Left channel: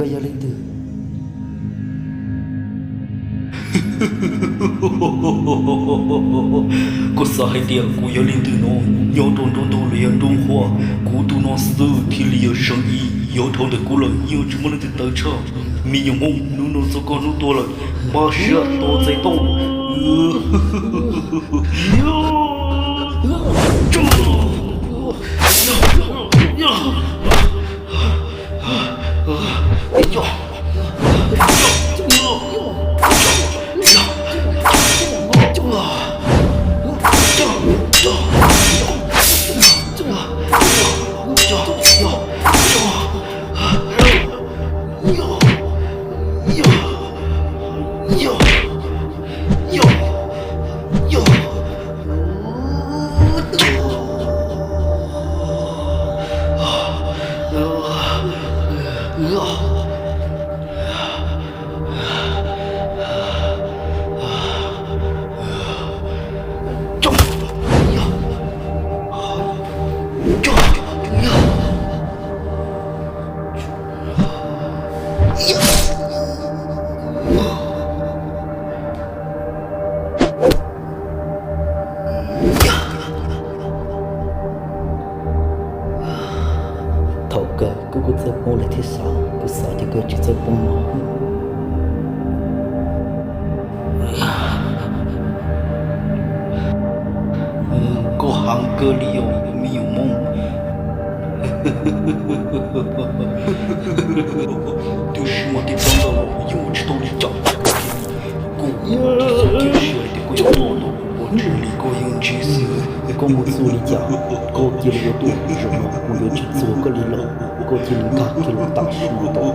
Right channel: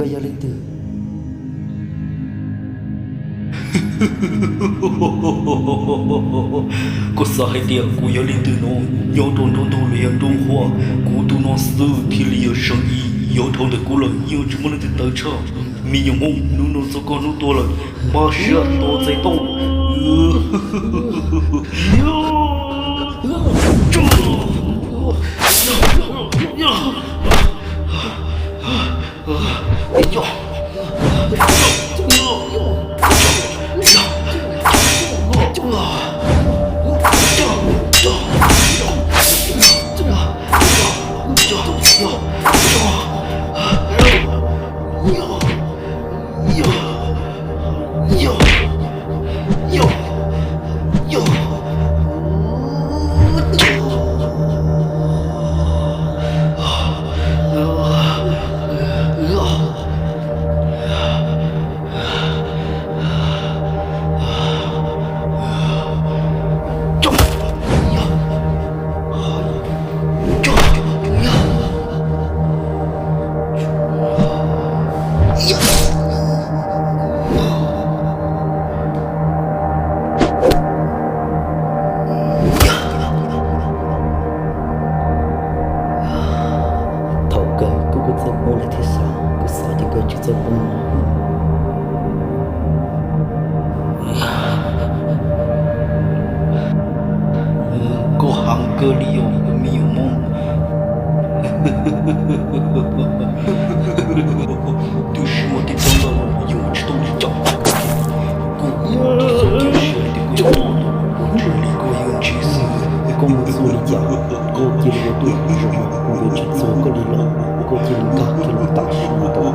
个要领的。có sai tiền của gia đình từ nó nhau trong trong tôi liền trong hoa của tôi nó sư thì liền生意要头的过了要怎么能得车没有梦努做个努多了马上多在动头个哥哥做梦来天上，哥啥的个就做梦。có hàng cơ liều miêu mông tôi chỉ một tiếng trong đầu dùng chỉ tôi đi chọn cô tôi chỉ để cô chọn tôi cô chỉ đi cô dùng chỉ sự cô muốn du lịch giả cô chỉ là tôi rồi mà cô chỉ做个理论cô chỉ là cả cái lối tạo sinh tồn